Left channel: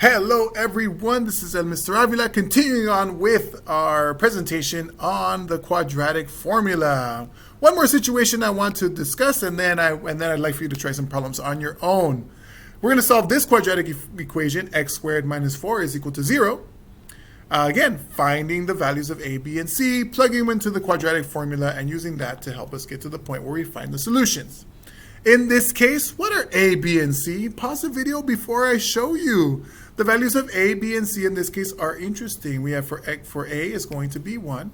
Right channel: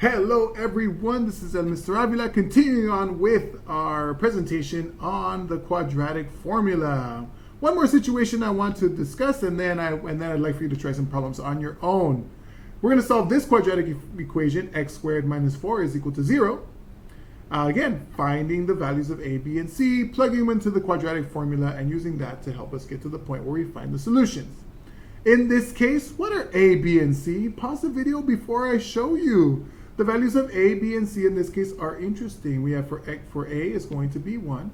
Hello everyone, this is Mr. Avila continuing on with our presentation on the quadratic formula. One more situation I want to discuss and then I'd like for you to try some problems on your own. We're going to solve this quadratic equation, x squared minus 4 is equal to 0. Again, finding the values of a, b, and c, plugging them into the quadratic formula and using that to help us get to the point where we find the solutions. In this case, what are a, b, and c? Pause the video before I show you. The values of a, b, and c in this case are interesting. We have for a is going to be 1.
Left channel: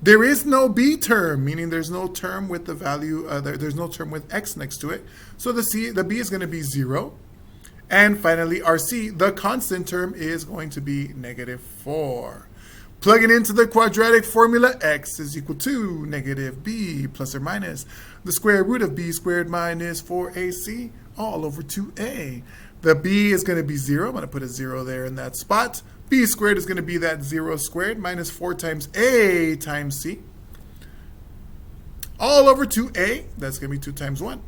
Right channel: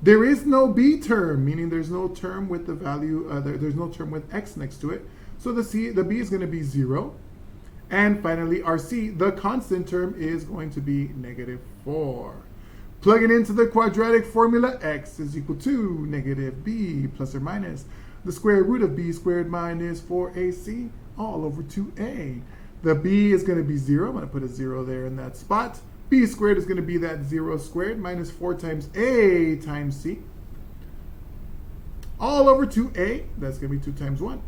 There is no b term, meaning there's no term with the value, there's no term with x next to it. So the b is going to be 0. And finally, our c, the constant term, is going to be negative 4. Plugging into the quadratic formula, x is equal to negative b plus or minus the square root of b squared minus 4ac all over 2a. The b is going to be 0. I'm going to put a 0 there in that spot. B squared is going to be that 0 squared minus 4 times a times c. All over 2a, that's going to be 2 times 1.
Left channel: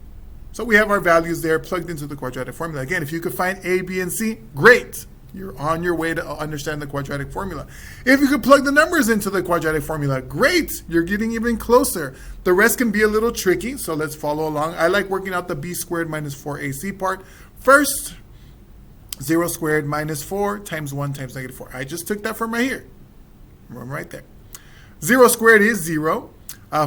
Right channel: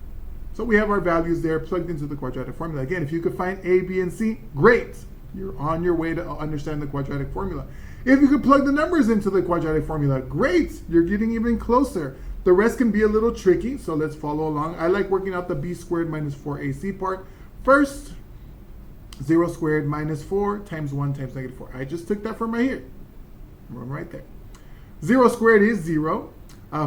So we have our values there plugged into the quadratic formula. Again, if you could find a, b, and c, great. You're on your way to understand the quadratic formula. If you could plug the numbers into the quadratic formula, great. You're getting even closer. The rest can be a little tricky, so let's follow along. I like working out the b squared minus 4ac part. First, 0 squared minus 4 times 1 times negative 4. I just took that from right here. Right there. 0 squared is 0.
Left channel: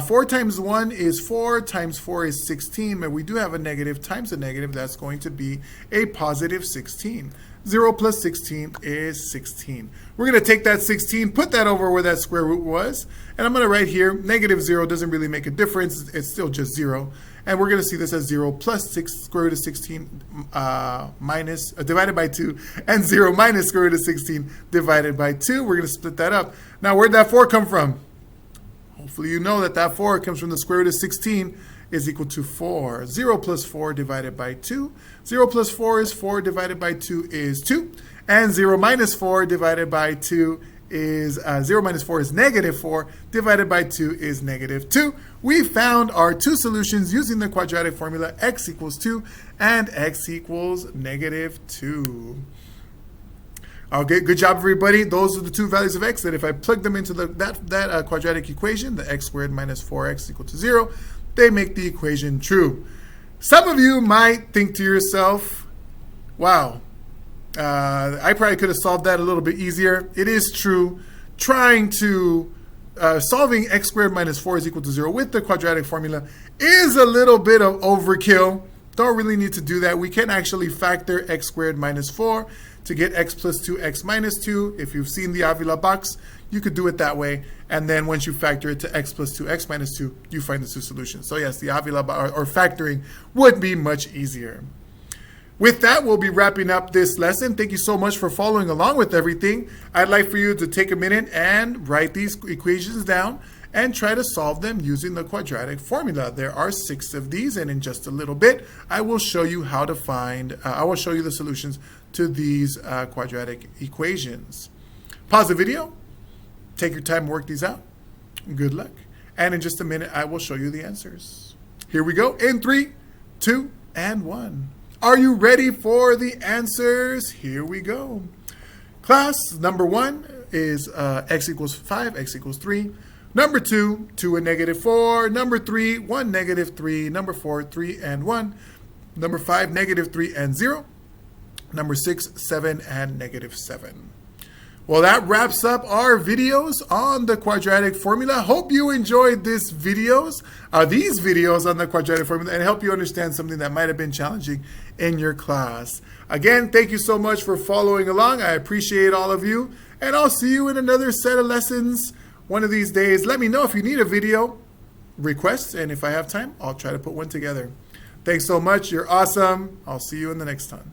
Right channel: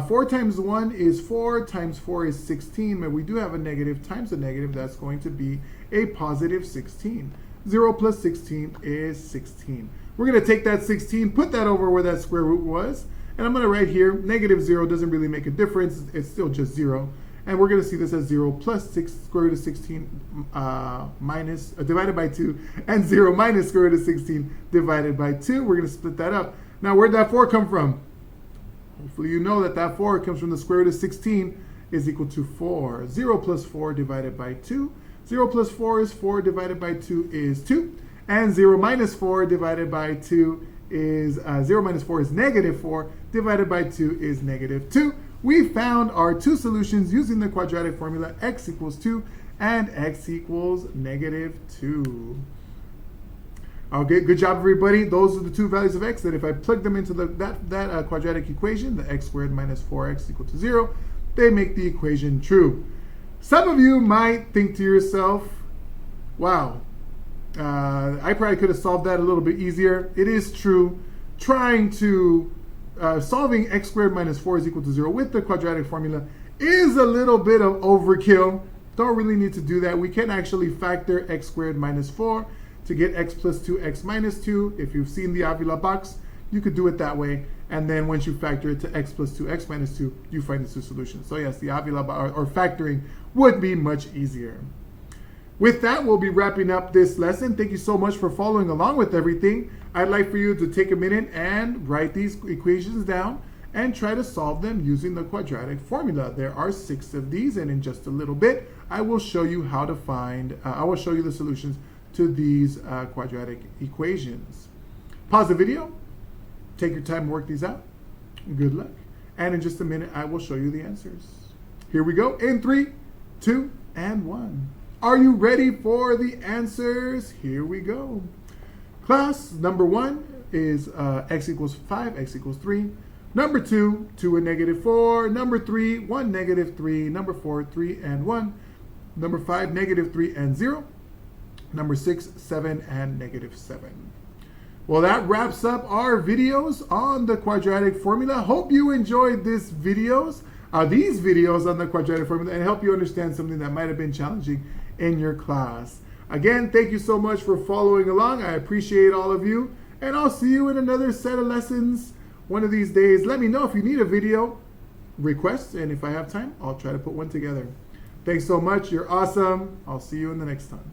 4 times 1 is 4, times 4 is 16, but we do have a negative times a negative. That's going to be a positive 16. 0 plus 16 is 16. We're going to take that 16, put that over where that square root was, and I'm going to write here, negative 0 doesn't really make a difference. It's still just 0. And we're going to see this as 0 plus 6 square root of 16 divided by 2, and 0 minus square root of 16 divided by 2. We're going to split that up. Now, where'd that 4 come from? Hopefully you know that that 4 comes from the square root of 16 is equal to 4. 0 plus 4 divided by 2. 0 plus 4 is 4 divided by 2 is 2. And 0 minus 4 divided by 2 is, 0 minus 4 is negative 4, divided by 2 is negative 2. We found our two solutions using the quadratic formula, x equals 2 and x equals negative 2. Okay, good job, everybody. Those are the two values of x that if I plug them into that quadratic equation, the x squared minus 4x equal to 0, they make the equation true. Some of you might think to yourself, wow, I probably could have solved that a little bit easier. It is true. Trying to solving x squared minus 4 is equal to 0 with the quadratic formula is a little bit of overkill. Don't really need to do that. We can actually factor x squared minus 4 to get x plus 2x minus 2. If you've seen the Avila box, you could do it that way. And then once you factor it to x plus 2x minus 2, you find the two solutions. So yes, the Avila or factoring would be much easier. With that, we'll be wrapping up this lesson. Thank you so much for following along with everything. I'd like for you to take a minute and write these equations down and try to solve them using the quadratic formula. There are 6 of these, and in just a little bit, I will show you how to find, I will show you the solutions to these quadratic equations. Pause the video, take your time to work these out. Good luck. And in just a minute, I will show you the answers. Here we go in 3, 2, and 1. Are you ready for the answers? Here we go. Class, number 1 is x equals 5, x equals 3. Number 2, 2 and negative 4. Number 3, 1, negative 3. Number 4, 3 and 1. Number 5, negative 3 and 0. Number 6, 7 and negative 7. Well, that wraps up our videos on the quadratic formula. Hope you enjoyed these videos on the quadratic formula and help you understand something that might have been challenging in your class. Again, thank you so much for following along. I appreciate all of you, and I'll see you in another set of lessons one of these days. Let me know if you need a video request, and if I have time, I'll try to put one together. Thanks so much. You're awesome. I'll see you in the next time.